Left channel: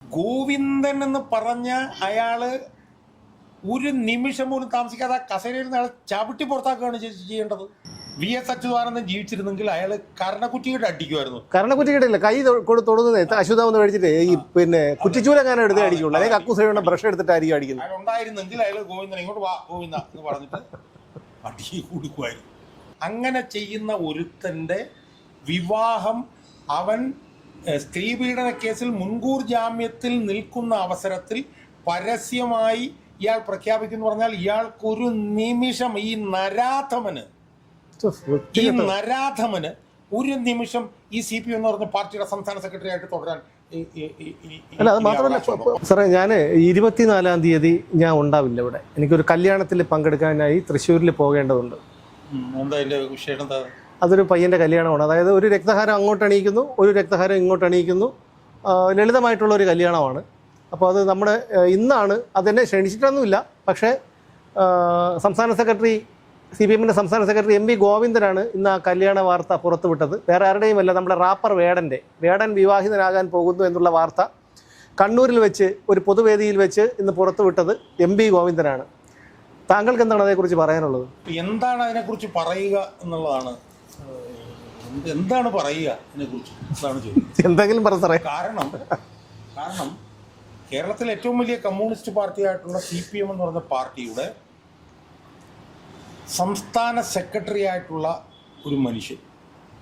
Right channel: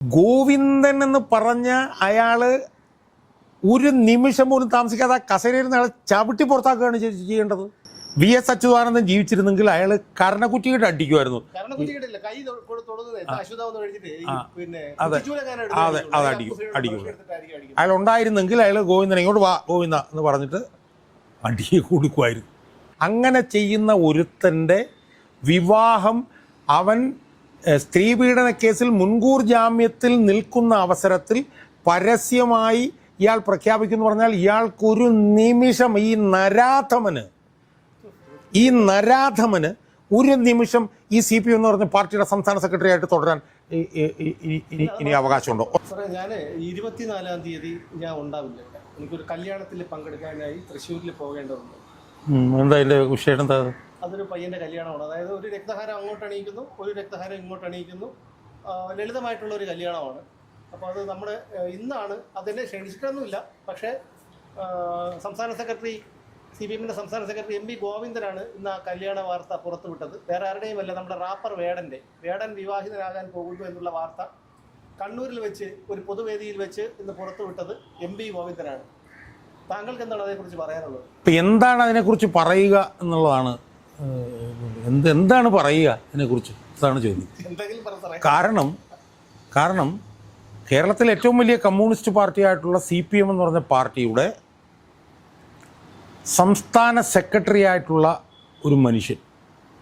ഗോവിന്ദൻ എന്ന് പറഞ്ഞ അയാള് ഒരു നിമിഷം പോലും താമസിക്കാതെ ആ കസേരയിൽ നിന്ന് അയാളെ ചവിട്ടി പുറത്താക്കുകയാണ് ചെയ്യേണ്ടത്. VS അച്യുതാനന്ദൻ ജീവിച്ചിരുന്നെങ്കിൽ അയാൾ കരണക്കുറ്റിയിട്ട് അടിക്കുമായിരുന്നു. കരണക്കുറ്റിയിട്ടില്ല, കൈ തൊടുന്നത് അശുതാവെന്ന് മേടിച്ചിട്ട് ഈ പിന്നെ കുറ്റിച്ചൂലങ്ങാനും എടുത്ത് അടിക്കുള്ളൂ. ബ്രഷ് എടുത്തിട്ടായിരിക്കും അടിക്കുന്നത്. അയാൾ ഉണ്ടായിരുന്നെങ്കിൽ അയാൾ ഗോവിന്ദനെ ഇങ്ങോട്ട് വാ ഗോവിന്ദ എന്ന് പറഞ്ഞിട്ട് അടിയെ കൊടുക്കുമായിരുന്നു. അങ്ങനെ ചെയ്യുന്ന ഒരുത്തൻ്റെ വിവാഹം അവൻ സ്ത്രീപീഡന കേസിൽ മുൻകൂർ ജാമ്യത്തിൽ നിൽക്കുന്ന അവസരത്തിൽ പരസ്യമായി ഇയാൾ പ്രഖ്യാപിക്കുന്നു പറഞ്ഞാൽ ഇയാൾക്കൊരു നിമിഷം ഈ നരാധമന് ഒരു നിമിഷം ഈ CPM എന്ന് പറഞ്ഞ പാർട്ടിയുടെ സംസ്ഥാന സെക്രട്ടറി ആയിട്ട് തുടരാൻ അവകാശമുണ്ടോ? സാറേ, ഞാൻ 24-ാം തീയതി ഞാൻ ഉണ്ടാവില്ല ഇവിടെ. എനിക്കൊരു കല്യാണത്തിൽ പങ്കെടുക്കാനായി തൃശ്ശൂരിൽ പോകേണ്ടതുണ്ട്. എന്താ അതിന്റെ വിഷയം? എന്താ? അതൊരു പയ്യൻ്റെ കല്യാണമാണ്. അതായത് ഒരു രക്തഹാരം അങ്ങോട്ട് അണിയിക്കുന്നു, ഒരു രക്തഹാരം ഇങ്ങോട്ട് അണിയിക്കുന്നു. ലളിതമായിട്ടുള്ള ഒരു കല്യാണമാണ്. അപ്പോൾ അത് നമ്മുടെ ഇന്നാണ്. അതെന്നെ ക്ഷണിച്ചിട്ടൊന്നുമില്ല. പക്ഷേ സംസ്ഥാന സെക്രട്ടറി CPM-ൻ്റെ സംസ്ഥാന സെക്രട്ടറി MV ഗോവിന്ദനാണ് ഇന്ന് ആ കല്യാണ വാർത്ത പുറത്തുവിട്ടത്. വേറെ ആരുടെയുമല്ല, നമ്മുടെ റാപ്പർ വേടൻ വിവാഹിതനാകാൻ പോകുന്നു എന്നുള്ള വാർത്ത കണ്ണൂരിൽ വെച്ച് ഒരു പൊതുവേദിയിൽ വെച്ച് ഇന്ന് പുറത്തുവിട്ടത് MV ഗോവിന്ദനാണ്. താങ്കൾക്ക് എന്താണ് അതേക്കുറിച്ച് പറയാനുള്ളത്? ഇപ്പം എന്താണ് അതിനെക്കുറിച്ച് പറയുക എന്നുള്ളതാണ്. എന്താണ് പറയുക അതിനെക്കുറിച്ച് എന്താണ് ചോദിക്കുന്നത്? എന്തെങ്കിലും പറ സാറേ. കാരണം കേരളത്തിലെ ഏറ്റവും വലിയ കമ്മ്യൂണിസ്റ്റ് പാർട്ടിയായിട്ടുള്ള CPM എന്ന് പറഞ്ഞ പാർട്ടിയുടെ സംസ്ഥാന സെക്രട്ടറി ആയിട്ടുള്ള ഒരു മനുഷ്യൻ,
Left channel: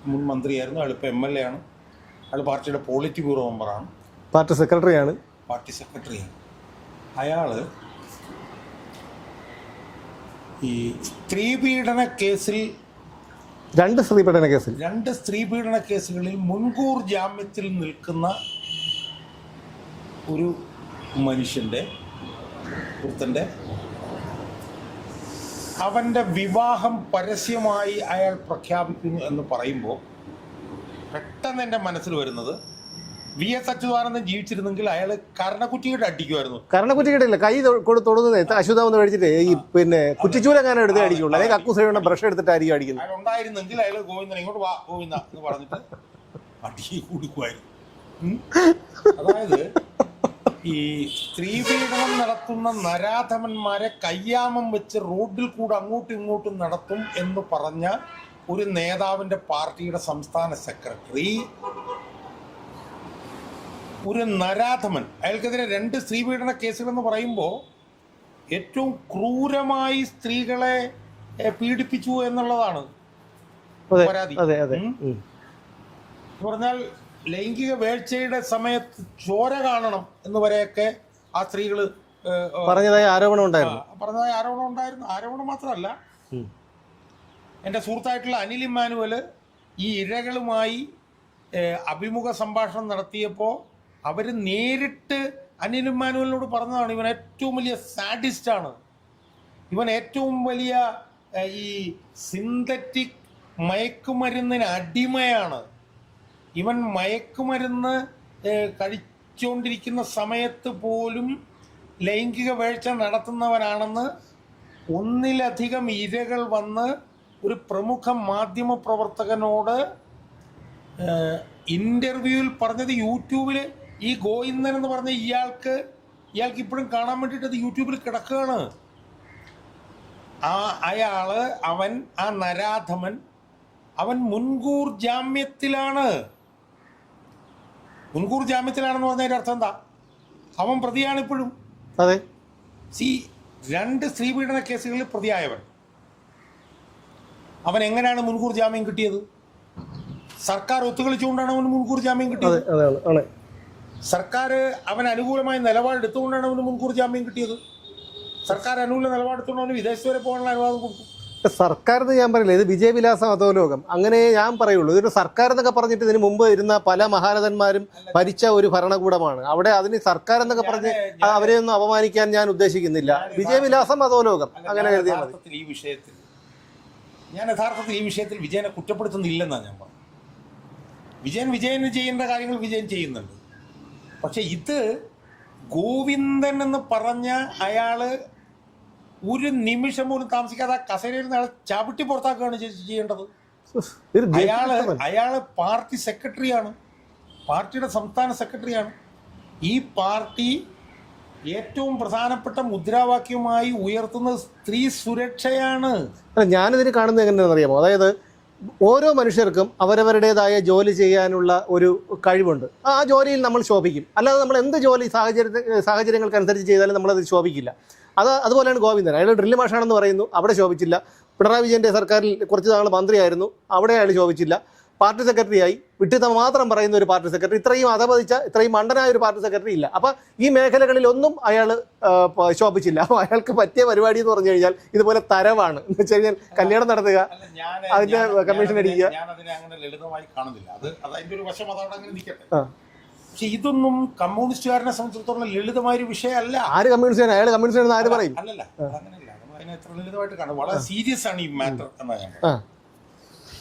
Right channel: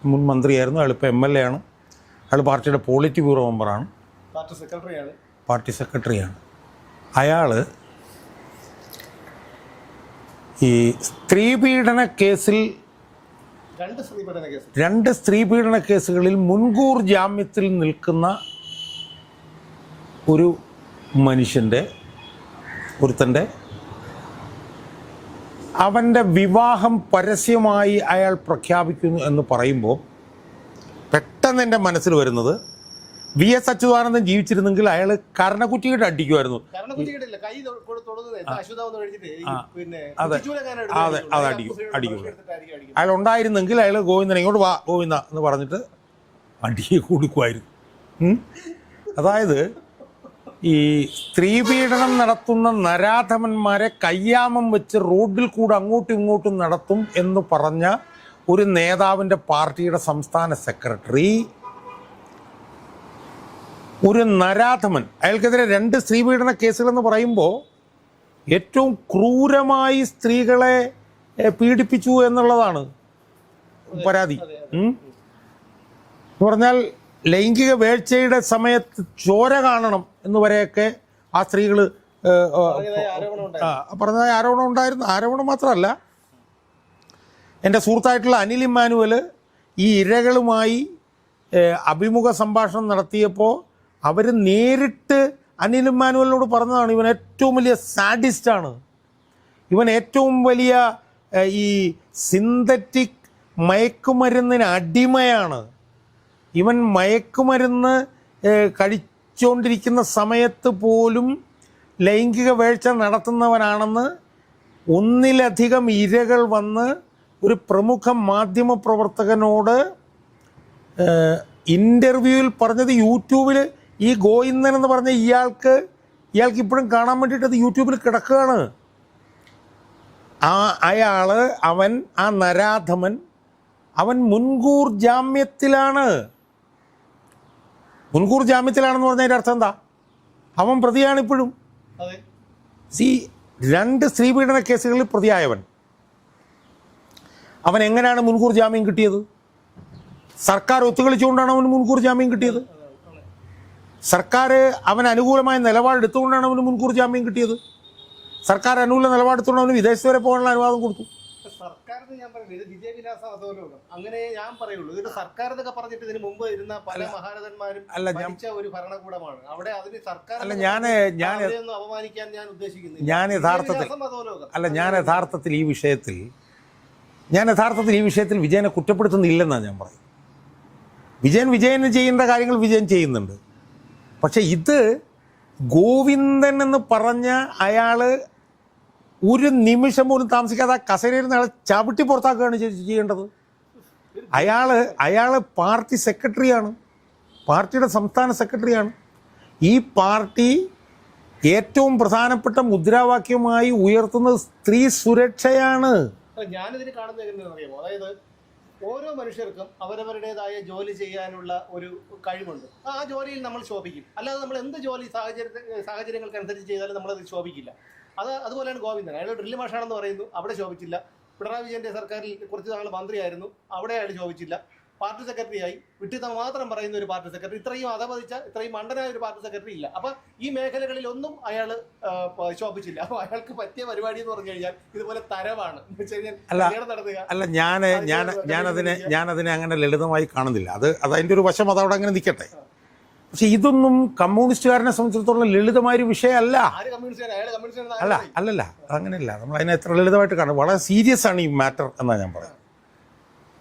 മുൻ മന്ത്രിയായിരുന്നു, അയാൾ ഇപ്പോൾ MLA ആണ്, അയാൾ പാർട്ടിയുടെ പോളിറ്റ് ബ്യൂറോ മെമ്പറാണ്, പാർട്ടി സെക്രട്ടറിയാണ്. അയാൾ ഈ സ്ത്രീപീഡന കേസിൽ രണ്ട് സ്ത്രീപീഡന കേസുകളിൽ മുൻകൂർ ജാമ്യത്തിൽ നിൽക്കുന്ന ഒരു ഒരുത്തൻ്റെ അവൻ്റെ വിവാഹം പരസ്യമായി അയാൾ പ്രഖ്യാപിക്കുന്നു എന്ന് പറയുമ്പോൾ പെട്ടെന്ന് എൻ്റെ മനസ്സിൽ വരുന്നത് VS അച്യുതാനന്ദൻ ജീവിച്ചിരുന്നെങ്കിൽ അയാൾ കരണക്കുറ്റിയിട്ട് അടിക്കുമായിരുന്നു. കരണക്കുറ്റിയിട്ടില്ല, കൈ തൊടുന്നത് അശുതാവെന്ന് മേടിച്ചിട്ട് ഈ പിന്നെ കുറ്റിച്ചൂലങ്ങാനും എടുത്ത് അടിക്കുള്ളൂ. ബ്രഷ് എടുത്തിട്ടായിരിക്കും അടിക്കുന്നത്. അയാൾ ഉണ്ടായിരുന്നെങ്കിൽ അയാൾ ഗോവിന്ദനെ ഇങ്ങോട്ട് വാ ഗോവിന്ദ എന്ന് പറഞ്ഞിട്ട് അടിയെ കൊടുക്കുമായിരുന്നു. അതായത് ഈ സ്ത്രീപീഡനം നടത്തുന്ന നരാധമന്മാരെ കയ്യാമം വെച്ച് റോഡിൽ കൂടെ അങ്ങോട്ടും ഇങ്ങോട്ടും നടത്തും എന്ന് പറഞ്ഞ ഒരു നേതാവിൻ്റെ പാർട്ടിയുടെ സംസ്ഥാന സെക്രട്ടറി ഒരു നരാധമൻ, അയാൾക്കെതിരെ 2 സ്ത്രീപീഡന കേസുകളെന്ന് പറയുമ്പോൾ ഏറ്റവും ക്രൂരമായി സ്ത്രീകളെ പീഡിപ്പിച്ചു എന്നുള്ളതാണ് പരാതി. എന്ന് പറഞ്ഞാൽ ലൈംഗിക വീഴ്ചയുടെ സമയത്ത് ചോര കാണണം എന്ന് വരെയൊക്കെ ആ സ്ത്രീകൾ പറഞ്ഞതായ ആരോപണം ഉണ്ടായിരുന്നു. ആരോപണം മാത്രമല്ല, എൻ്റെ സുഹൃത്തായിട്ടുള്ള അനിൽ ഇമ്മാനുവൽ ഈ ഇരകളുമായി അഭിമുഖ സംഭാഷണം നടത്തിയപ്പോൾ അവർ നേരിട്ട് അനിൽ ഇമ്മാനുവലിനോട് പറഞ്ഞതാണ് ഇവൻ ഏറ്റവും വലിയ സാഡിസ്റ്റാണ്, ഇവൻ ഏറ്റവും വലിയ ഈ സിന്തറ്റിക് മയക്കുമരുന്നിന് അടിമയാണ്, ഇവൻ മയക്കുമരുന്ന് കഴിച്ചുകൊണ്ടിരിക്കുന്ന സമയത്ത് പോലും ലൈംഗിക വീഴ്ച നടത്തുന്നവനാണെന്ന് ഒന്നിലധികം ഇരകൾ വന്ന് ഒരു പ്രമുഖ മാധ്യമ പ്രവർത്തകനോട് ഇൻ്റർവ്യൂവിൽ പറഞ്ഞത്. യൂട്യൂബിൽ ഈ ഗോവിന്ദൻ എന്ന് പറഞ്ഞ ഇയാൾക്ക് ഇപ്പോഴും കാണാൻ വേണ്ടിയിട്ട് അത് യൂട്യൂബിൽ കിടക്കുകയാണ്. ആ നരാധമൻ അവൻ മുൻകൂർ ജാമ്യത്തിലാണെന്ന് പറഞ്ഞതിൻ്റെ അർത്ഥം എന്താ? അവൻ പ്രതിയാണ് ഇപ്പോഴും. അതെ, 2 സ്ത്രീപീഡന കേസുകളിൽ പ്രതിയായവൻ അവൻ എങ്ങനെയാണ് മുൻകൂർ ജാമ്യം കിട്ടിയത്? സർക്കാർ ഒത്തുകളിച്ചുകൊണ്ടാണ് അവന് മുൻകൂർ ജാമ്യം കിട്ടിയത്. സർക്കാർ അവന് അനുകൂലമായ നിലപാടെടുത്തുകൊണ്ടാണ് അവന് മുൻകൂർ ജാമ്യം കിട്ടിയത്. സർക്കാർ അനുകൂല നിലപാടെടുത്തുകൊണ്ട് അവന് വിദേശത്ത് വരെ പോകാനുള്ള അനുവാദം കൊടുത്തു. സർക്കാർ എന്ന് ഞാൻ പറയില്ല, ഇത് വിജയവിലാസം അധോലോകം അങ്ങനെ ഞാൻ പറയുള്ളൂ. ഇതൊരു സർക്കാർ എന്നൊക്കെ പറഞ്ഞിട്ട് ഇതിന് മുമ്പ് ഇരുന്ന പല മഹാരഥന്മാരും ഭരിച്ച ഒരു ഭരണകൂടമാണ്. അവിടെ അതിന് സർക്കാർ എന്നൊക്കെ അവരെയൊന്നും അപമാനിക്കാൻ ഞാൻ ഉദ്ദേശിക്കുന്നില്ല. വിജയവിലാസം അധോലോകം. ഞാൻ യഥാർത്ഥത്തിൽ ഈ വിഷയത്തിൽ വിജയനെ കുറ്റപ്പെടുത്തുന്നില്ലെന്നാണ് ഞാൻ പറയുന്നത്. വിജയന് ചെയ്യേണ്ട കാര്യങ്ങൾ വിജയൻ ചെയ്യുന്നുണ്ട്. പക്ഷെ ഇത് ഗോവിന്ദൻ എന്ന് പറഞ്ഞ അയാള് ഒരു നിമിഷം പോലും താമസിക്കാതെ ആ കസേരയിൽ നിന്ന് അയാളെ ചവിട്ടി പുറത്താക്കുകയാണ് ചെയ്യേണ്ടത്. അയാള് പാർട്ടി സെക്രട്ടറിയാണ്, പാർട്ടിയുടെ സംസ്ഥാന സെക്രട്ടറിയാണ്. ഈ പാർട്ടി ഏറ്റവും പ്രധാനപ്പെട്ട മുദ്രാവാക്യമായി ഉയർത്തുന്നത് സ്ത്രീ സുരക്ഷയാണ്. ഞാനിതിന് കാണുന്നത് എങ്ങനെയാണെന്ന് അറിയാമോ? അതായത് ഓരോ മനുഷ്യർക്കും അവരവരുടേതായ ജോലി ചെയ്യാനുള്ള ഒരു കഴിവുണ്ട്. ആ ജോലിയിൽ നമ്മൾ ശോഭിക്കും. അല്ലാതെ നമ്മൾ എന്ത് ജോലി സാഹചര്യങ്ങൾക്കനുസരിച്ച് ചെയ്താലും നമ്മളത് ശോഭിക്കില്ല. അതുപോലെയാണ് ഗോവിന്ദൻ. അയാൾ ഡ്രില്ല് മാഷാണെന്ന് പറയുന്നു, അവിടെ ശോഭിച്ചില്ല. പിണറായി വിജയൻ്റെ സർക്കാരിൽ കുറച്ച് നാൾ മന്ത്രിയായിരുന്നു, അവിടെ അയാൾ ശോഭിച്ചില്ല. പാർട്ടി സെക്രട്ടറിയായി വിട്ടിത്തം മാത്രം പറയുന്ന ഒരു പാർട്ടി സെക്രട്ടറി, ഇത്രയും അധപതിച്ച ഇത്രയും മണ്ടനായ ഒരു പാർട്ടി സെക്രട്ടറി ഇല്ല. അപ്പം ഈ മേഖലകളിലൊന്നും അയാൾ ശോഭിച്ചില്ല. അപ്പോൾ അയാൾക്ക് പറ്റിയ പരിപാടി എന്ന് പറഞ്ഞു കഴിഞ്ഞാൽ ഇതുപോലെ തരവാണ്. എന്ന് വെച്ച് കഴിഞ്ഞാൽ കല്യാണം നടത്തുക. അല്ല, ഞാനതിനെ അങ്ങനെ ലളിതമായി കാണുന്നില്ല. അത് അതിൻ്റെ ഒരു വശം അതവിടെ അങ്ങനെ നിൽക്കട്ടെ. പക്ഷെ ഇതൊന്നും കമ്മ്യൂണിസ്റ്റുകാരനെ സംബന്ധിച്ചിടത്തോളം ലളിതമായൊരു വിഷയമല്ല. ആര് കമ്മ്യൂണിസ്റ്റ്? അയാൾ കമ്മ്യൂണിസ്റ്റ് ആര് പറയും? അല്ലല്ല, അങ്ങനെയല്ല. നമ്മൾ അതിനെ എത്ര ലളിതമായിട്ട് കാണും. വളരെ സീരിയസ് ആണ് ഈ മാറ്റർ എന്നാണ് ഞാൻ പറയുന്നത്.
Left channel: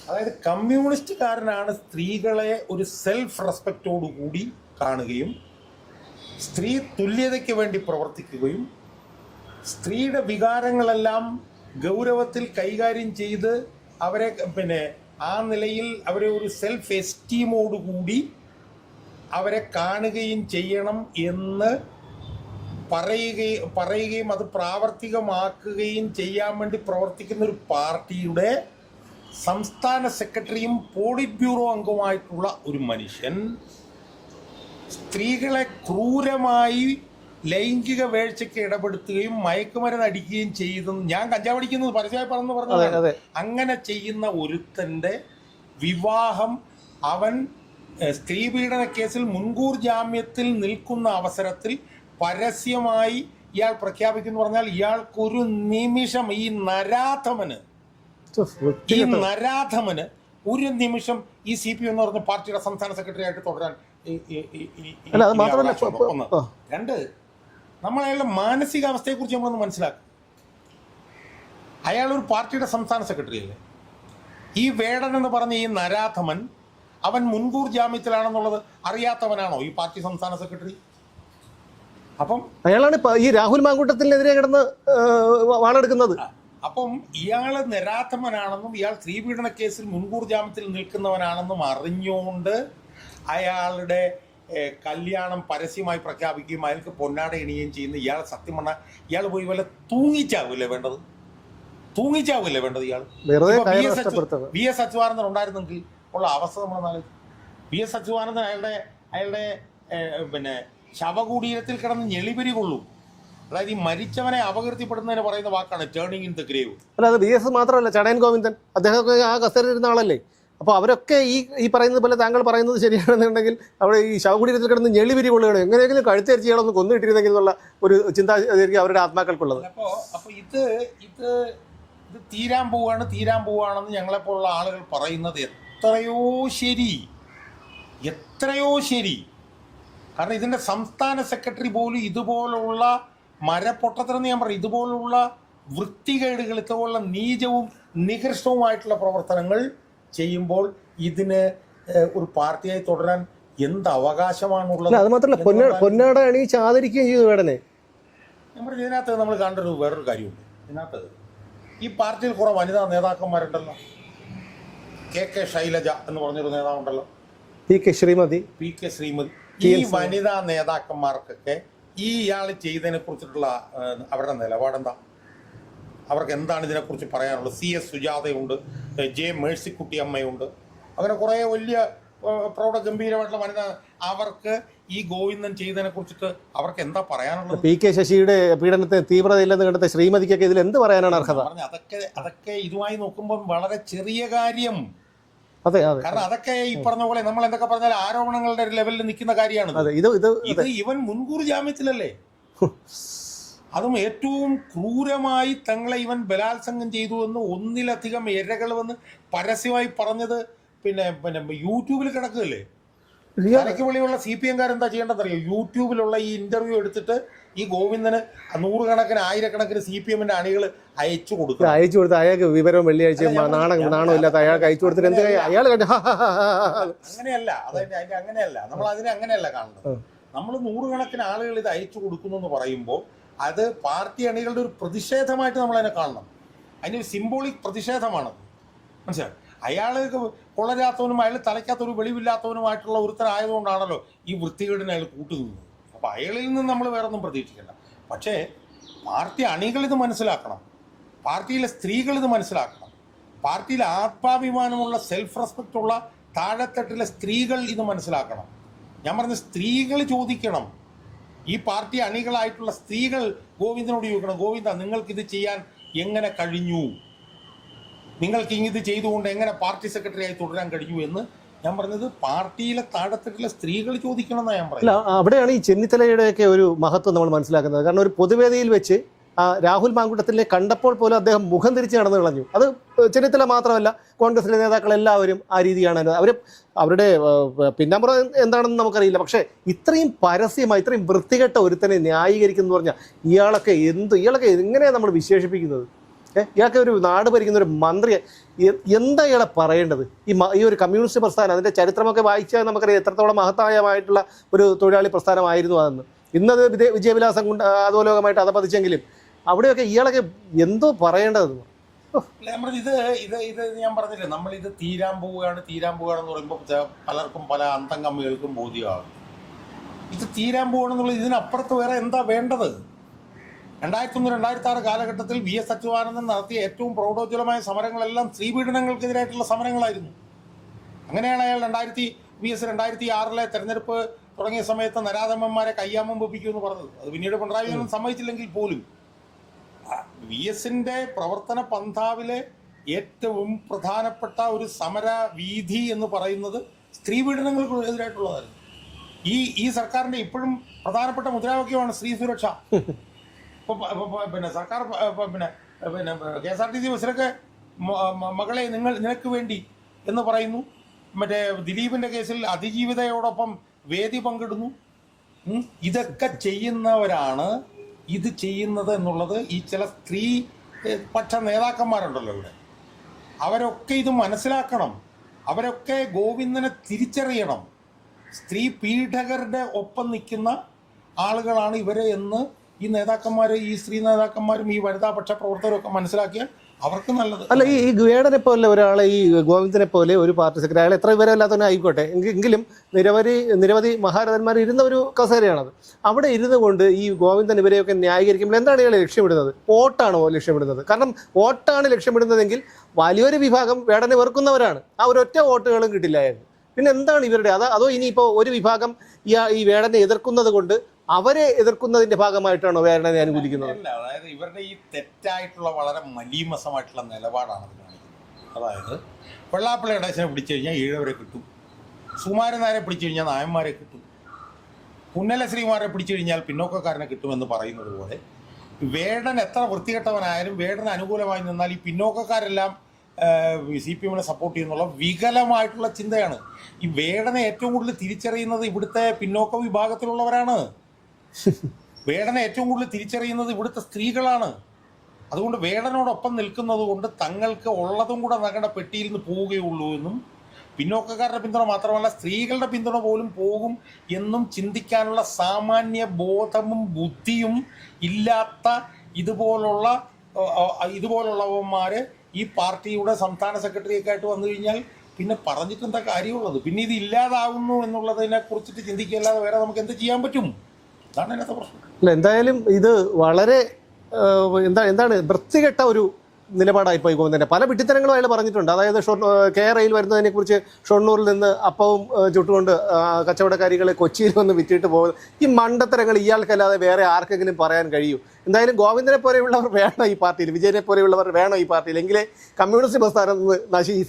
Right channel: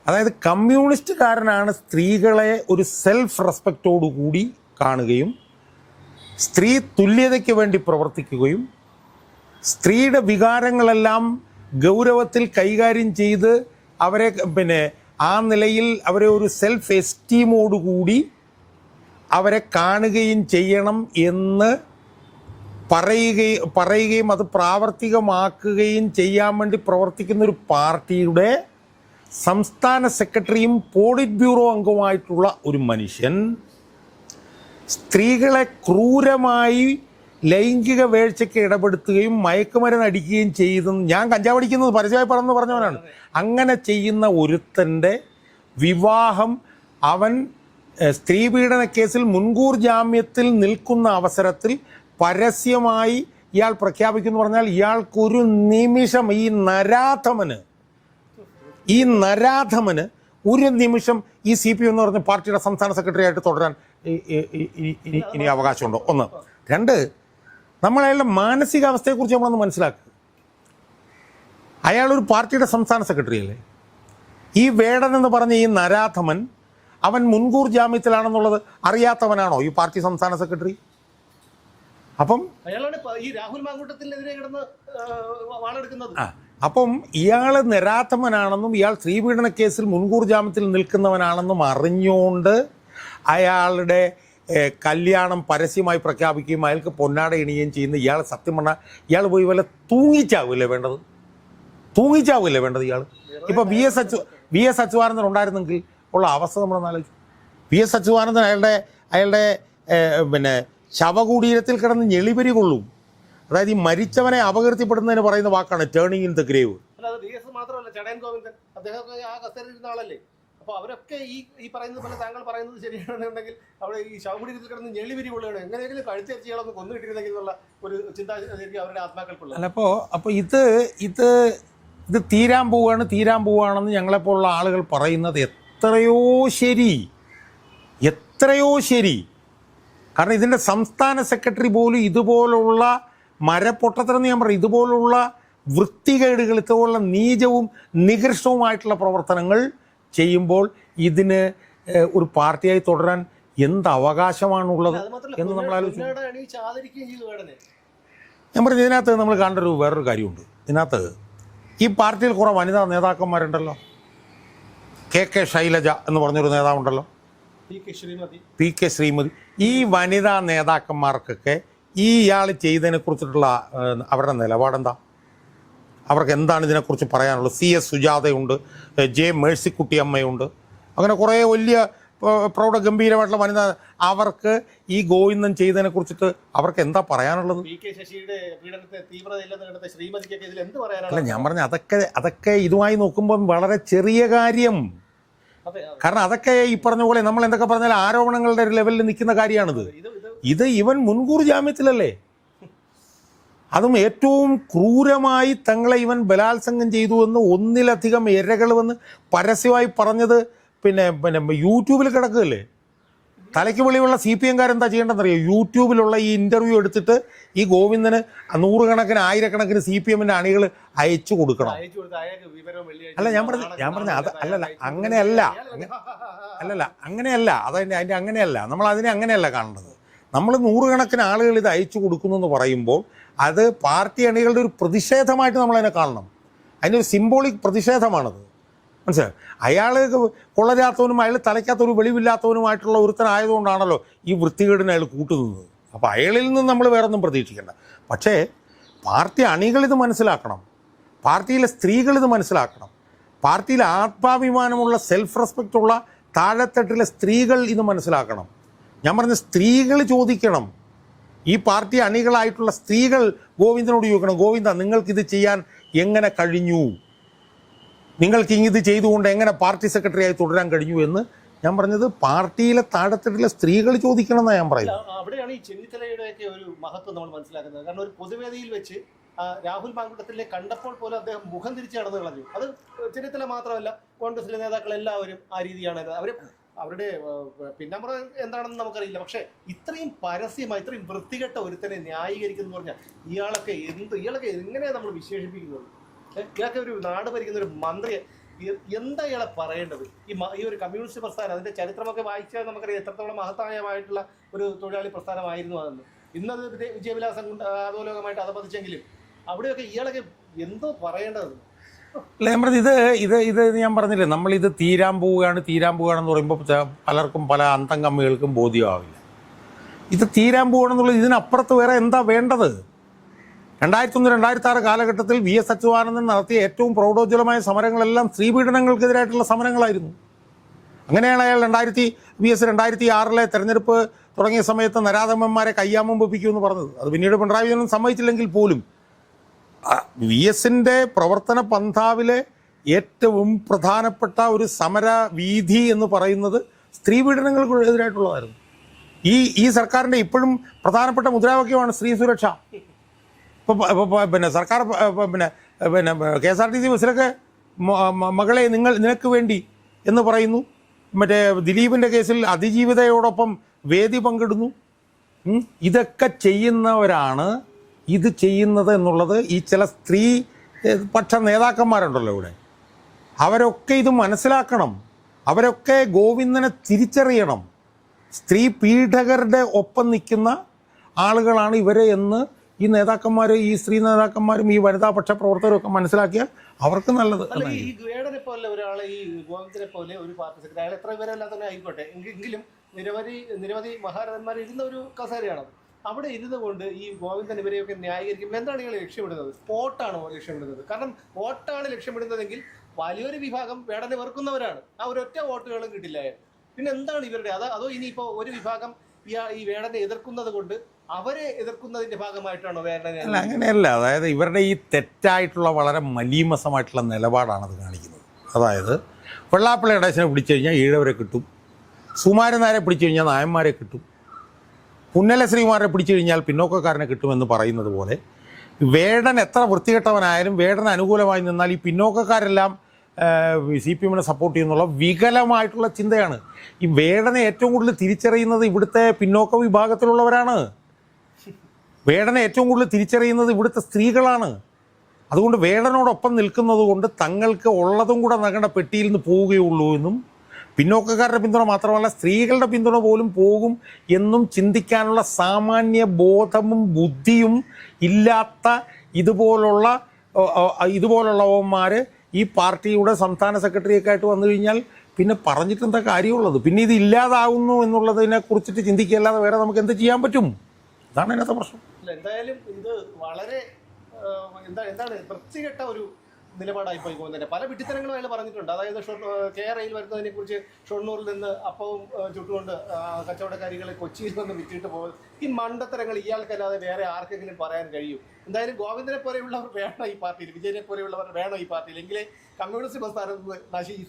അതായത് കമ്മ്യൂണിസ്റ്റുകാരനാണ് സ്ത്രീകളെ ഒരു സെൽഫ് റെസ്പെക്റ്റോടു കൂടി കാണുകയും സ്ത്രീ തുല്യതയ്ക്ക് വേണ്ടി പ്രവർത്തിക്കുകയും സ്ത്രീയുടെ വികാരങ്ങളെല്ലാം ഗൗരവത്തിൽ കൈകാര്യം ചെയ്ത് അവരെ ആ നിലയിൽ അവരെ ഒരു സെൽഫ് എസ്റ്റീമോടുകൂടി അവരെ കാണുകയും ചെയ്യണം എന്ന് പറയുകയും അത് പ്രാവർത്തികമാക്കുകയും ചെയ്യാൻ വേണ്ടി പ്രവർത്തിക്കുന്ന ഒരു പാർട്ടിയുടെ സംസ്ഥാന സെക്രട്ടറിയും പോളിറ്റ് ബ്യൂറോ അംഗവുമായിട്ടുള്ള ഒരു മനുഷ്യൻ സ്ത്രീകളെ ക്രൂരമായി ലൈംഗിക വീഴ്ചയ്ക്ക് ഇടപെടുത്തുകയും മയക്കുമരുന്ന് അടിക്കുകയും ചെയ്തെന്ന് ഞാൻ കഞ്ചാവ് അടിക്കുന്നത് പരസ്യമായി പറഞ്ഞതാണ്. അങ്ങനെ ചെയ്യുന്ന ഒരുത്തൻ്റെ വിവാഹം അവൻ സ്ത്രീപീഡന കേസിൽ മുൻകൂർ ജാമ്യത്തിൽ നിൽക്കുന്ന അവസരത്തിൽ പരസ്യമായി ഇയാൾ പ്രഖ്യാപിക്കുന്നു പറഞ്ഞാൽ ഇയാൾക്കൊരു നിമിഷം ഈ നരാധമന് ഒരു നിമിഷം ഈ CPM എന്ന് പറഞ്ഞ പാർട്ടിയുടെ സംസ്ഥാന സെക്രട്ടറി ആയിട്ട് തുടരാൻ അവകാശമുണ്ടോ? ഒന്ന്. രണ്ട്, നമ്മൾ അയാളുടെ മാനസികാവസ്ഥയെക്കുറിച്ച് നമ്മളൊന്ന് മനസ്സിലാക്കുക. അയാളൊരു പാർട്ടിയുടെ സംസ്ഥാന സെക്രട്ടറി അല്ലേ? ഈ വേടൻ എന്ന് പറഞ്ഞ ഈ നരാധമൻ അവൻ മുൻകൂർ ജാമ്യത്തിലാണെന്നുള്ളത് അറിയാത്തവനാണോ ഈ പാർട്ടി സംസ്ഥാന സെക്രട്ടറി? അപ്പം അയാളാണ് ഈ രാഹുൽ മാങ്കൂട്ടത്തിനെതിരെ കിടന്ന് വാളെടുക്കുന്നത്. അപ്പം ഇയാൾ നിരാധമനാണെന്നും ഇയാൾ സ്ത്രീപീഡന കേസിൽ മുൻകൂർ ജാമ്യത്തിൽ നിൽക്കുന്നവനാണെന്നും അറിഞ്ഞുകൊണ്ട് അയാളുടെ കല്യാണം പരസ്യമായി പ്രഖ്യാപിക്കുകയും അയാൾക്ക് പൊന്നാട ഇണിയുകയും ചെയ്യുന്ന ഇയാൾ സത്യം പറഞ്ഞാൽ ഇയാൾ പോയി വല്ല തൂങ്ങിച്ചാവില്ലേ വേണ്ടത്? ഇയാൾ ഇപ്പൊ VS അച്യുതാനന്ദൻ ഉണ്ടായിരുന്നെങ്കിൽ ഉള്ള അവസ്ഥ നമ്മളൊന്നാലും VS അച്യുതാനന്ദൻ അയാളുടെ ശവകുടീരത്തിൽ കിടന്ന് ഞെളിപരി കൊള്ളും. അതായത് ഈ മരിച്ചവനെ അപകീർത്തിപ്പെടുന്നതിന് പറയുന്ന വാക്കാണ് ടേണിംഗ് ഇൻ ദ ഗ്രേവ്. അല്ല, അത് VS മാത്രമല്ല, ചടയൻ ഗോവിന്ദൻ അദ്ദേഹമൊക്കെ ആ കസേരയിൽ ഇരുന്ന ആളല്ലേ. അപ്പോൾ അവരൊക്കെ ഈ പറയുന്നത് പോലെ താങ്കൾ പറയുന്നത് ശരിയാണെന്നുണ്ടെങ്കിൽ അവിടെ ഈ ശവകുടീരത്തിൽ കിടന്ന് ഞെളിപിരി കൊള്ളുകയാണ്. എങ്ങനെയെങ്കിലും കഴുത്തരിച്ച് ചെയ്യണമെന്ന് കൊന്നിട്ടിരുന്നെങ്കിൽ എന്നുള്ള ഒരു ചിന്താഗതി അവരുടെ ആത്മാക്കൾക്കുള്ളത്. അപ്പോൾ ഇത് തീരാൻ പോവുകയാണെന്ന് ഞങ്ങളെപ്പോലുള്ള ആളുകൾ പറയുന്നത് എത്രയോ ശരി. കാരണം ഇതിൻ്റെ സംസ്ഥാന സെക്രട്ടറി പോലും ഇതുപോലുള്ള മരപ്പൊട്ടത്തരെന്ന് ഞാൻ പറയും, ഇതുപോലുള്ള വൃത്തികേടുകൾ, ഇതുപോലുള്ള നീചവും നികൃഷ്ടവുമായിട്ടുള്ള പ്രവർത്തനങ്ങൾ ചെയ്യുമ്പോൾ ഇതിന് ഒരു പാർട്ടിയായി തുടരാൻ എന്ത് അവകാശമാണുള്ളത്? അത് മാത്രമല്ല, പൊന്നാട അണിയിച്ച് ആദരിക്കുകയും ചെയ്തു വേടനെ. ഞാൻ പറഞ്ഞു, ഇതിനകത്ത് നമ്മൾ കാണേണ്ട വേറൊരു കാര്യമുണ്ട്. ഇതിനകത്ത് ഈ പാർട്ടിയിൽ കുറേ വനിതാ നേതാക്കന്മാരുണ്ടല്ലോ. KK ശൈലജ എന്ന് പറഞ്ഞൊരു നേതാവുണ്ടല്ലോ, PK ശ്രീമതി. ഈ വനിതാ നേതാക്കന്മാർക്കൊക്കെ ഇയാൾ ചെയ്തതിനെ കുറിച്ചിട്ടുള്ള അവരുടെ നിലപാടെന്താ? അവർക്ക് എന്താണ് ഇതിനെക്കുറിച്ച് പറയാനുള്ളത്? CS സുജാതയുണ്ട്, J മേഴ്സിക്കുട്ടി അമ്മയുണ്ട്, അങ്ങനെ കുറേ വലിയ പ്രൗഢഗംഭീരമായിട്ടുള്ള വനിതാ. അവർക്ക് ഈ ഗോവിന്ദൻ ചെയ്തതിനെ കുറിച്ചിട്ട് അവർക്ക് എന്താ പറയാനുള്ളത്? PK ശശിയുടെ പീഡനത്തിന് തീവ്രതയില്ലെന്ന് കണ്ടെത്ത ശ്രീമതിക്കൊക്കെ ഇതിൽ എന്ത് പറയാനാണ്? ഞാൻ പറഞ്ഞ അതൊക്കെ ഇതുമായി നോക്കുമ്പം വളരെ ചെറിയ കാര്യം. അതെ, കാരണം അതൊക്കെ ഈ പറഞ്ഞ പോലെ നമ്മൾ എന്തൊക്കെ പറഞ്ഞാൽ ആരോപണങ്ങളുടെ ലെവലിൽ നിൽക്കുന്ന കാര്യമാണ്. ഇത് ഇവൻ മുൻകൂർ ജാമ്യത്തിലല്ലേ? അതും ഏറ്റവും ക്രൂരമായി തങ്ങളെ ഇവൻ ബലാത്സംഗം ചെയ്തു എന്ന് ഒന്നിലധികം ഇരകൾ വന്ന് പരസ്യമായി പറഞ്ഞത് പിന്നെ യൂട്യൂബിൽ കിടക്കുകയല്ലേ. തലയ്ക്ക് വെളിയുള്ള CPM-കാരെന്താ ചെയ്യേണ്ടതെന്നറിയോ? യൂട്യൂബിലുള്ള ഈ ഇന്റർവ്യൂ എടുത്തിട്ട് ഈ ഗോവിന്ദന് 100 ആയിരക്കണക്കിന് CPM-ന്റെ അണികൾ അയച്ചു കൊടുക്കണം. അയാൾക്ക് വിവരം വെള്ളിയാഴ്ച അങ്ങനെയല്ല. അങ്ങനെയല്ല, നമ്മൾ അതിനെ അങ്ങനെയല്ല കാണേണ്ടത്. നമ്മൾ 100 ആളുകൾ ഇത് അയച്ചു കൊടുക്കുന്നു എന്ന് പറയുമ്പോൾ അത് പാർട്ടി അണികളുടെ ഒരു പ്രതിഷേധമായിട്ട് നമ്മളതിനെ കാണണം. അതിൻ്റെ ഒരു സിംബോളിക് പ്രതിഷേധമാണത്. മനസ്സിലായോ? അയാൾ കൊള്ളരാത്തവനും അയാൾ തലയ്ക്കാത്തൊരു വെളിവില്ലാത്തവനുമായിട്ടുള്ള ഒരുത്തനായതുകൊണ്ടാണല്ലോ ഈ വൃത്തികേടിനെ അയാൾ കൂട്ടുനിന്നത്. അപ്പോൾ അയാളിൽ നിന്ന് നമ്മൾ വേറൊന്നും പ്രതീക്ഷിക്കേണ്ട. പക്ഷേ പാർട്ടി അണികളിത് മനസ്സിലാക്കണം, പാർട്ടിയിലെ സ്ത്രീകളിത് മനസ്സിലാക്കണം, പാർട്ടിയിൽ ആത്മാഭിമാനമുള്ള സെൽഫ് റെസ്പെക്റ്റ് ഉള്ള താഴെത്തട്ടിലെ സ്ത്രീകൾ ഇത് മനസ്സിലാക്കണം. ഞാൻ പറഞ്ഞ സ്ത്രീകൾ ചോദിക്കണം, ഈ പാർട്ടി അണികളായിട്ടുള്ള സ്ത്രീകൾ ഗോവിന്ദനോട് ചോദിക്കണം, ഗോവിന്ദ നിങ്ങൾക്കിത് ചെയ്യാൻ എങ്ങനെ കഴിഞ്ഞു, നിങ്ങൾക്ക് ഇത് ചെയ്തുകൊണ്ട് എങ്ങനെ പാർട്ടി സെക്രട്ടറിയായി തുടരാൻ കഴിഞ്ഞു എന്ന് ഞാൻ പറഞ്ഞത് പാർട്ടിയിലെ താഴെത്തട്ടിലെ സ്ത്രീകൾ ചോദിക്കണം എന്നാണ് ഞാൻ പറയുന്നത്. അവിടെയാണ് ഈ ചെന്നിത്തലയുടെയൊക്കെ ഒരു മഹത്വം നമ്മൾ മനസ്സിലാക്കുന്നത്. കാരണം ഒരു പൊതുവേദിയിൽ വെച്ച് രാഹുൽ മാങ്കൂട്ടത്തിലെ കണ്ടപ്പോൾ പോലും അദ്ദേഹം മുഖം തിരിച്ച് നടന്നു കളഞ്ഞു. അത് ചെന്നിത്തല മാത്രമല്ല, കോൺഗ്രസിലെ നേതാക്കളെല്ലാവരും ആ രീതിയാണ്. അവരുടെ പിന്നാമ്പുറം എന്താണെന്ന് നമുക്കറിയില്ല. പക്ഷേ ഇത്രയും പരസ്യമായി ഇത്രയും വൃത്തികെട്ട ഒരുത്തനെ ന്യായീകരിക്കുന്നു പറഞ്ഞാൽ ഇയാളൊക്കെ എങ്ങനെയാണ് നമ്മൾ വിശേഷിപ്പിക്കുന്നത്? ഇയാൾക്ക് ഒരു നാട് ഭരിക്കുന്ന ഒരു മന്ത്രി എന്താ ഇയാളെ പറയേണ്ടത്? ഈ ഒരു കമ്മ്യൂണിസ്റ്റ് പ്രസ്ഥാനം, അതിൻ്റെ ചരിത്രമൊക്കെ വായിച്ചാൽ നമുക്കറിയാം എത്രത്തോളം മഹത്തായമായിട്ടുള്ള ഒരു തൊഴിലാളി പ്രസ്ഥാനമായിരുന്നു അതെന്ന്. ഇന്നത് വിജയവിലാസം കൊണ്ട് അധോലോകമായിട്ട് അധപതിച്ചെങ്കിലും അവിടെയൊക്കെ ഇയാളൊക്കെ എന്തോ പറയേണ്ടതെന്ന്. അല്ല ഞാൻ പറഞ്ഞത് ഇത് ഞാൻ പറഞ്ഞില്ലേ, നമ്മളിത് തീരാൻ പോവുകയാണെന്ന് പറയുമ്പോൾ പലർക്കും പല അന്തം കമ്മികൾക്കും ബോധ്യമാവില്ല. ഇത് തീരാൻ പോവുകയാണെന്നുള്ളത് ഇതിനപ്പുറത്ത് വേറെ എന്താ വേണ്ടത്? 2001-2006 കാലഘട്ടത്തിൽ VS അച്യുതാനന്ദൻ നടത്തിയ ഏറ്റവും പ്രൗഢോജ്വലമായ സമരങ്ങളെല്ലാം സ്ത്രീപീഡനങ്ങൾക്കെതിരായിട്ടുള്ള സമരങ്ങളായിരുന്നു. അങ്ങനെയാണ് അയാൾ 2006 തെരഞ്ഞെടുപ്പ് തുടങ്ങിയ സമയത്ത് നരാധമന്മാരെ കയ്യാമം വെപ്പിക്കുമെന്ന് പറഞ്ഞത്. അത് പിന്നീട് പിണറായി വിജയൻ സമ്മതിച്ചില്ലെങ്കിൽ പോലും VSന്റെ പ്രവർത്തന പന്ഥാവിലെ ഏറ്റവും പ്രധാനപ്പെട്ട ഒരു സമര വീഥി എന്ന് പറയുന്നത് സ്ത്രീപീഡനങ്ങൾക്കെതിരായിട്ടുള്ളതായിരുന്നു. ഈ സർക്കാരിൻ്റെ ഇപ്പോഴും പ്രധാനപ്പെട്ട മുദ്രാവാക്യമാണ് സ്ത്രീ സുരക്ഷ. പിന്നെ സർക്കാർ പിന്നെ KSRTC ബസ്സിലൊക്കെ മകളെ നിനക്ക് വേണ്ടി എന്ന് പറയുന്നു. മറ്റേ ദിലീപിൻ്റെ കേസിൽ അതിജീവിതയോടൊപ്പം വേദി പങ്കിടുന്നു. ഇതൊക്കെ ചെയ്യുന്നവരാണ് ഇത് ചെയ്യുന്നത് എന്നുള്ളത് ഈ ചില സ്ത്രീ പക്ഷ നേതാക്കന്മാരുണ്ടല്ലോ ഇവിടെ, അവരൊക്കെ ഇത് മനസ്സിലാക്കണം. അവരൊക്കെ ഗോവിന്ദനെ തിരിച്ചറിയണം. സ്ത്രീ പീഡകരുടെ ഒപ്പം നിൽക്കുന്ന ആളുകളാണ് ഇവരെ എന്ന് ഈ നേതാക്കന്മാർ, ഈ സ്ത്രീ നേതാക്കന്മാരും ഈ വനിതാ പക്ഷ പ്രവർത്തകരും ഒക്കെ മനസ്സിലാക്കിയാൽ അവർക്ക് നല്ലത്. അല്ല, ഈ വേടനെ പോലെ ഒരാളെ, ഈ ഗോവിന്ദനെ പോലെ ഒരു പാർട്ടി സെക്രട്ടറി, അയാൾ എത്ര വിവരമില്ലാത്തവനെ ആയിക്കോട്ടെ, എങ്കിലും നിരവധി മഹാരഥന്മാർ ഇരുന്ന ഒരു കസേരയാണത്. അവിടെ ഇരുന്നു കൊണ്ട് ഈ ഗോവിന്ദൻ ഇവരെയൊക്കെ ന്യായീകരിക്കുമ്പോൾ എന്താണ് ഇയാളെ ലക്ഷ്യമിടുന്നത്? വോട്ടാണോ ലക്ഷ്യമിടുന്നത്? കാരണം വോട്ടാണ് ലക്ഷ്യമിടുന്നതെങ്കിൽ വലിയൊരു വിഭാഗം വേടനെ വെറുക്കുന്നവരാണ്. ആ ഒരൊറ്റ വോട്ടുകളും കിട്ടില്ലായിരുന്നു. പിന്നെ എന്താണ് ഇവരുടെ അതോ ഇനിയിപ്പോൾ ഒരു വിഭാഗം ഈ വേടനെ എതിർക്കുന്നത് കൊണ്ട് അവരെ എതിർക്കുന്നതിന്റെ ഭാഗമായിട്ടാണോ വേടനെ? അങ്ങനെയല്ല. അതായത് ഇവരുടെ ഈ തെറ്റായിട്ടുള്ള വളരെ മലീമസമായിട്ടുള്ള നിലപാടാണ് അത് കാണിക്കുന്നത്. അതായത് വെള്ളാപ്പള്ളി നടേശനെ പിടിച്ചു കഴിഞ്ഞാൽ ഈഴവരെ കിട്ടും, സുമാരൻ നായരെ പിടിച്ചു കഴിഞ്ഞാൽ നായന്മാരെ കിട്ടും, പുന്നല ശ്രീമാരെ പിടിച്ചു കഴിഞ്ഞാൽ പിന്നോക്കക്കാരനെ കിട്ടുമെന്ന് പറയുന്നത് പോലെ വേടൻ എത്ര വൃത്തികെട്ടവനായാലും വേടന് അനുകൂലമായി നിന്നാൽ ഈ പിന്നോക്കക്കാരെല്ലാം CPM സപ്പോർട്ട് ചെയ്യുന്നുള്ള വികലമായിട്ടുള്ള ചിന്തയാണ്. ഈ വേടനെ ഏറ്റവും കൂടുതൽ തിരിച്ചറിയുന്നത് ഇവിടുത്തെ പിന്നോക്ക വിഭാഗത്തിലുള്ളവരാണ്. വേടനെ ഏറ്റവും കൂടുതൽ തിരിച്ചറിയുന്നത് ഇവിടുത്തെ സ്ത്രീകളാണ്. അതുകൊണ്ട് വേടനോടൊപ്പം നിൽക്കുന്നത് കൊണ്ട് തങ്ങൾക്ക് ഉള്ളതും കൂടെ നഗണ്ട പെട്ടിയിൽ നിന്ന് പോവുകയുള്ളൂ എന്നും പിന്നോക്കക്കാരുടെ പിന്തുണ മാത്രമല്ല സ്ത്രീകളുടെ പിന്തുണ പോലും പോകും എന്നും ചിന്തിക്കാനുള്ള സാമാന്യ ബോധവും ബുദ്ധിയും ഇല്ലാത്ത ഇതുപോലുള്ളവന്മാർ ഈ പാർട്ടിയുടെ സംസ്ഥാന സെക്രട്ടറിയൊക്കെ ആയിട്ട് വന്നു കഴിഞ്ഞാൽ പിന്നെ പറഞ്ഞിട്ട് എന്താ കാര്യമുള്ളത്? പിന്നെ ഇത് ഇല്ലാതാവുന്നു എന്നുള്ളതിനെ കുറിച്ചിട്ട് ചിന്തിക്കുകയല്ലാതെ വേറെ നമുക്ക് എന്ത് ചെയ്യാൻ പറ്റും? അതാണ് അതിനകത്തെ പ്രശ്നം. അല്ല, എന്തായാലും ഇത് വളരെ എന്താണ് വൃത്തികെട്ട ഒരു നിലപാടായിപ്പോയി ഗോവിന്ദൻ്റെ. പല വിട്ടിത്തരങ്ങളും അയാൾ പറഞ്ഞിട്ടുണ്ട്. അതായത് KRAയിൽ വരുന്നതിനെ കുറിച്ച് ഷൊർണൂരിൽ നിന്ന് അപ്പവും ചുട്ടുകൊണ്ട് കച്ചവടക്കാരികളെ കൊച്ചിയിൽ വന്ന് വിറ്റിട്ട് പോകുന്നത്. ഈ മണ്ടത്തരങ്ങൾ ഇയാൾക്കല്ലാതെ വേറെ ആർക്കെങ്കിലും പറയാൻ കഴിയൂ? എന്തായാലും ഗോവിന്ദനെ പോലെയുള്ളവർ വേണം ഈ പാർട്ടിയിൽ, വിജയനെ പോലെയുള്ളവർ വേണം ഈ പാർട്ടിയിൽ. എങ്കിലേ കമ്മ്യൂണിസ്റ്റ് പ്രസ്ഥാനം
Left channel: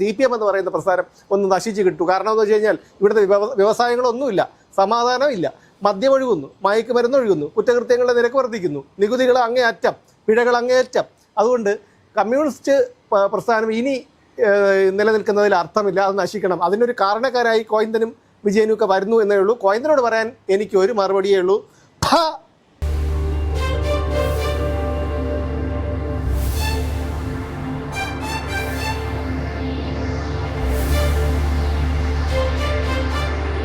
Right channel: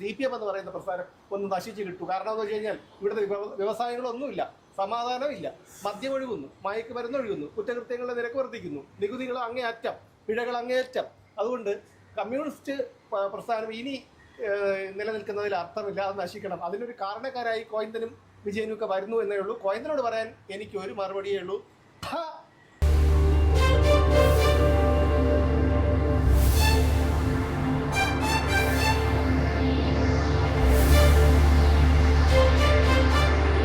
CPM എന്ന് പറയുന്ന പ്രസ്ഥാനം ഒന്ന് നശിച്ച് കിട്ടൂ. കാരണം എന്ന് വെച്ച് കഴിഞ്ഞാൽ ഇവിടുത്തെ വ്യവസായങ്ങളൊന്നുമില്ല, സമാധാനമില്ല, മദ്യമൊഴുകുന്നു, മയക്കുമരുന്നൊഴുകുന്നു, കുറ്റകൃത്യങ്ങളുടെ നിരക്ക് വർദ്ധിക്കുന്നു, നികുതികൾ അങ്ങേയറ്റം, പിഴകൾ അങ്ങേയറ്റം. അതുകൊണ്ട് കമ്മ്യൂണിസ്റ്റ് പ്രസ്ഥാനം ഇനി നിലനിൽക്കുന്നതിൽ അർത്ഥമില്ല, അത് നശിക്കണം. അതിനൊരു കാരണക്കാരായി ഗോവിന്ദനും വിജയനും ഒക്കെ വരുന്നു എന്നേ ഉള്ളൂ. ഗോവിന്ദനോട് പറയാൻ എനിക്ക് ഒരു മറുപടിയേ ഉള്ളൂ.